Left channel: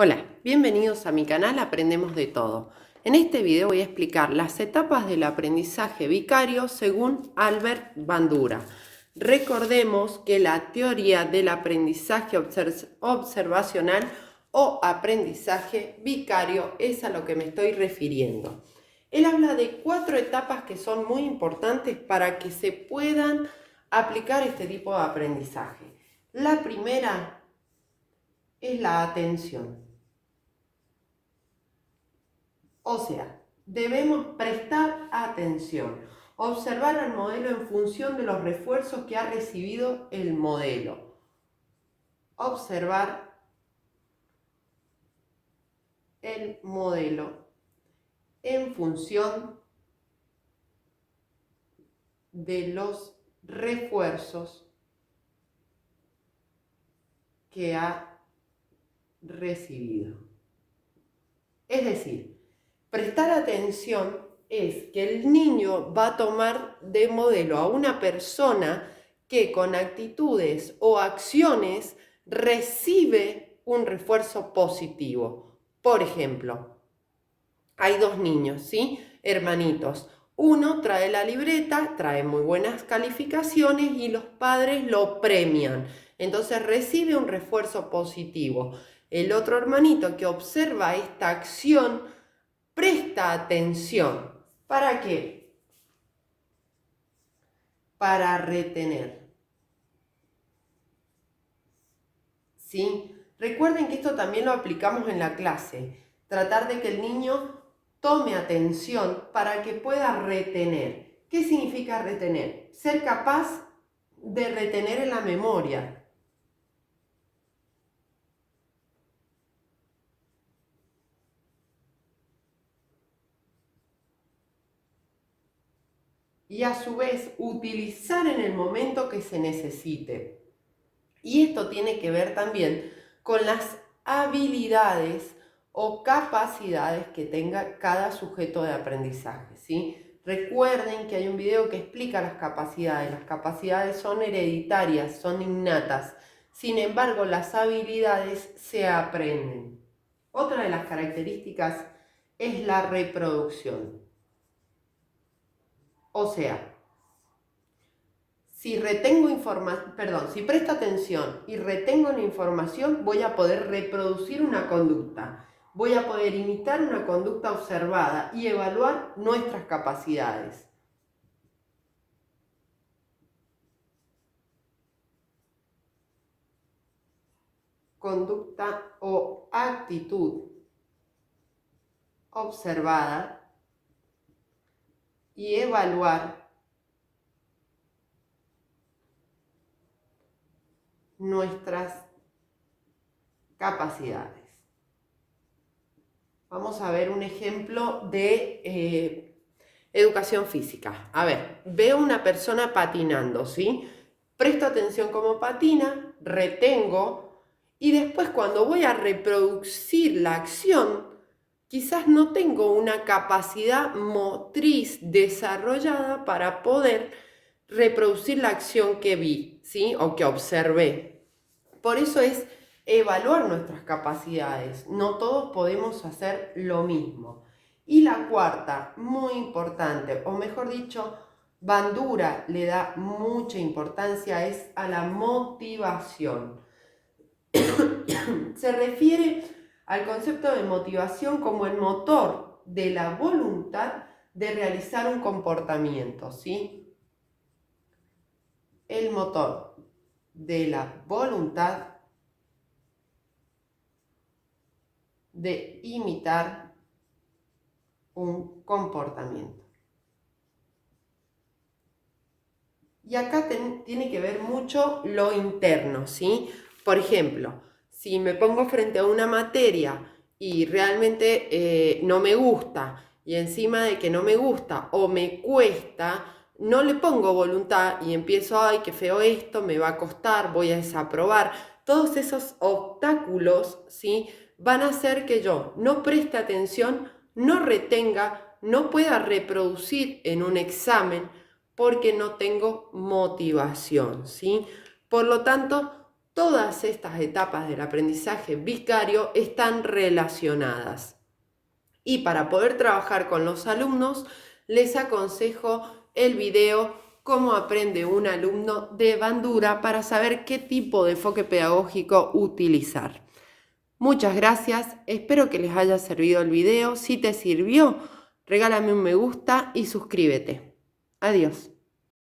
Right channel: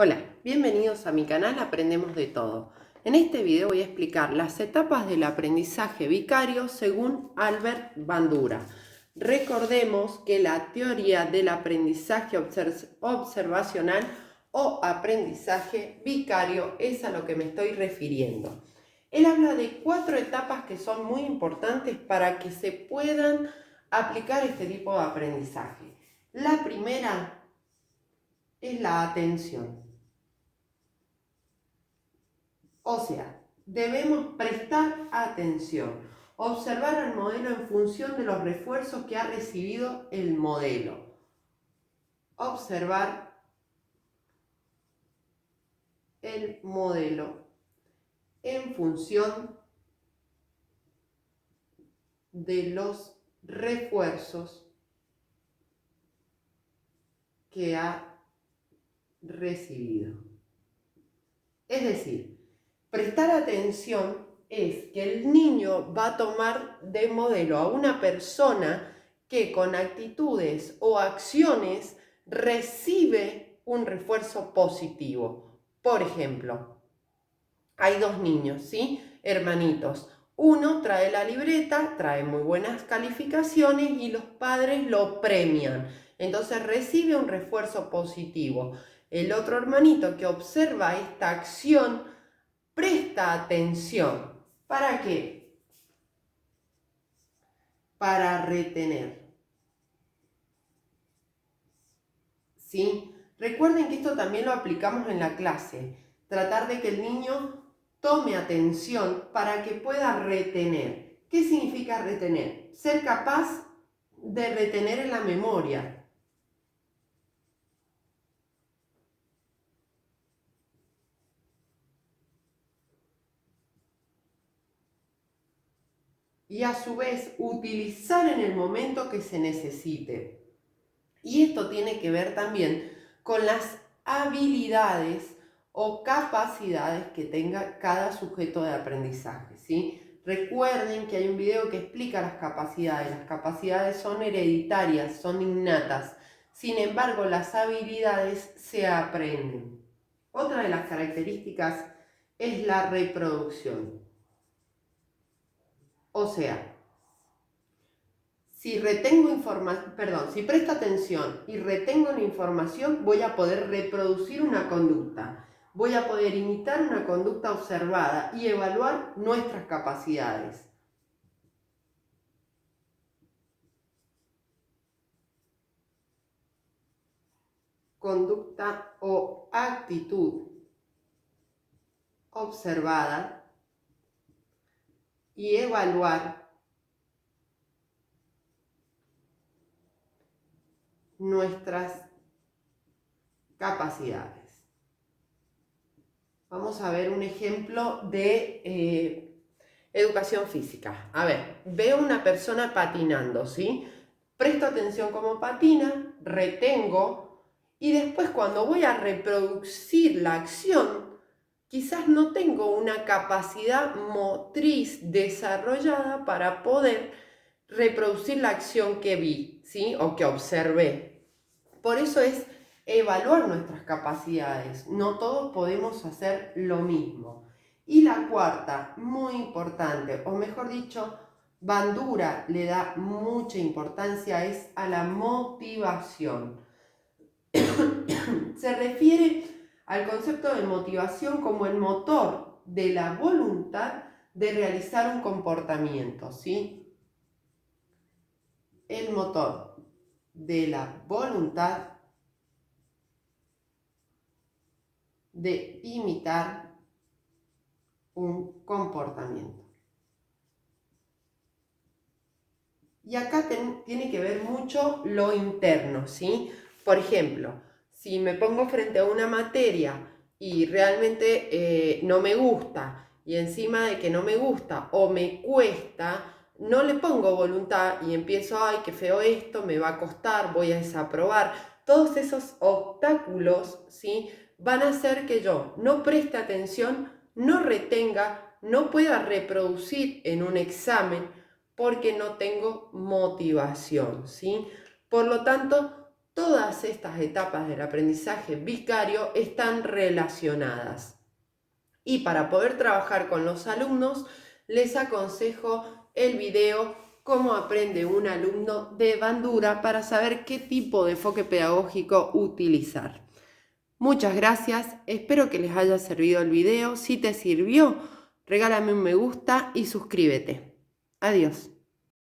Hola, bienvenidos a mi canal Aprendemos de Todo. En este video voy a explicar las etapas del aprendizaje vicario según Albert Bandura. Recordemos que la teoría del aprendizaje observacional o aprendizaje vicario es a lo que me estoy refiriendo. Él habla de 4 etapas que son muy importantes para que se puedan aplicar este tipo de aprendizaje. La primera es la atención. O sea, debemos prestar atención, observar al modelo en función de los refuerzos que ha recibido el modelo. Observar el modelo en función de los refuerzos que ha recibido. Es decir, prestar atención es que el niño va a tomar de modelo a una persona que con actitudes o acciones recibe un refuerzo positivo. Por ejemplo, hay 2 niños, ¿sí? Hermanitos. Uno trae la libreta, trae muy buenas calificaciones y los padres lo premian. Entonces recibe un refuerzo positivo. El otro hermanito que observa esta acción presta atención. ¿Para qué? Para retener. ¿Sí? Recuerden que esto también lo aplicamos en la clase. Tratar de que el niño tome atención para que pueda retener. ¿Qué significa retener? Ser capaz de retener en la memoria. Y a su vez utilizar en el momento que se necesite. Y esto tiene que ver también con las habilidades o capacidades que tenga cada sujeto de aprendizaje, ¿sí? Recuerden que hay un video que explica las capacidades. Las capacidades son hereditarias, son innatas. Sin embargo, las habilidades se aprenden. Otra de las características es la reproducción. O sea, si presto atención y retengo la información, voy a poder reproducir una conducta. Voy a poder imitar una conducta observada y evaluar nuestras capacidades. Conducta o actitud observada y evaluar nuestras capacidades. Vamos a ver un ejemplo de educación física. A ver, veo una persona patinando, ¿sí? Presto atención cómo patina, retengo y después cuando voy a reproducir la acción, quizás no tengo una capacidad motriz desarrollada para poder reproducir la acción que vi, ¿sí? O que observé. Por eso es evaluar nuestras capacidades. No todos podemos hacer lo mismo. Y la cuarta, muy importante, o mejor dicho, Bandura le da mucha importancia, es a la motivación. Se refiere al concepto de motivación como el motor de la voluntad de realizar un comportamiento, ¿sí? El motor de la voluntad de imitar un comportamiento. Y acá tiene que ver mucho lo interno, ¿sí? Por ejemplo, si me pongo frente a una materia y realmente no me gusta, y encima de que no me gusta o me cuesta, no le pongo voluntad y empiezo, ay, qué feo esto, me va a costar, voy a desaprobar. Todos esos obstáculos, ¿sí? Van a hacer que yo no preste atención, no retenga, no pueda reproducir en un examen porque no tengo motivación, ¿sí? Por lo tanto, Todas estas etapas del aprendizaje vicario están relacionadas. Y para poder trabajar con los alumnos, les aconsejo el video Cómo aprende un alumno de Bandura para saber qué tipo de enfoque pedagógico utilizar. Muchas gracias, espero que les haya servido el video. Si te sirvió, regálame un me gusta y suscríbete. Adiós.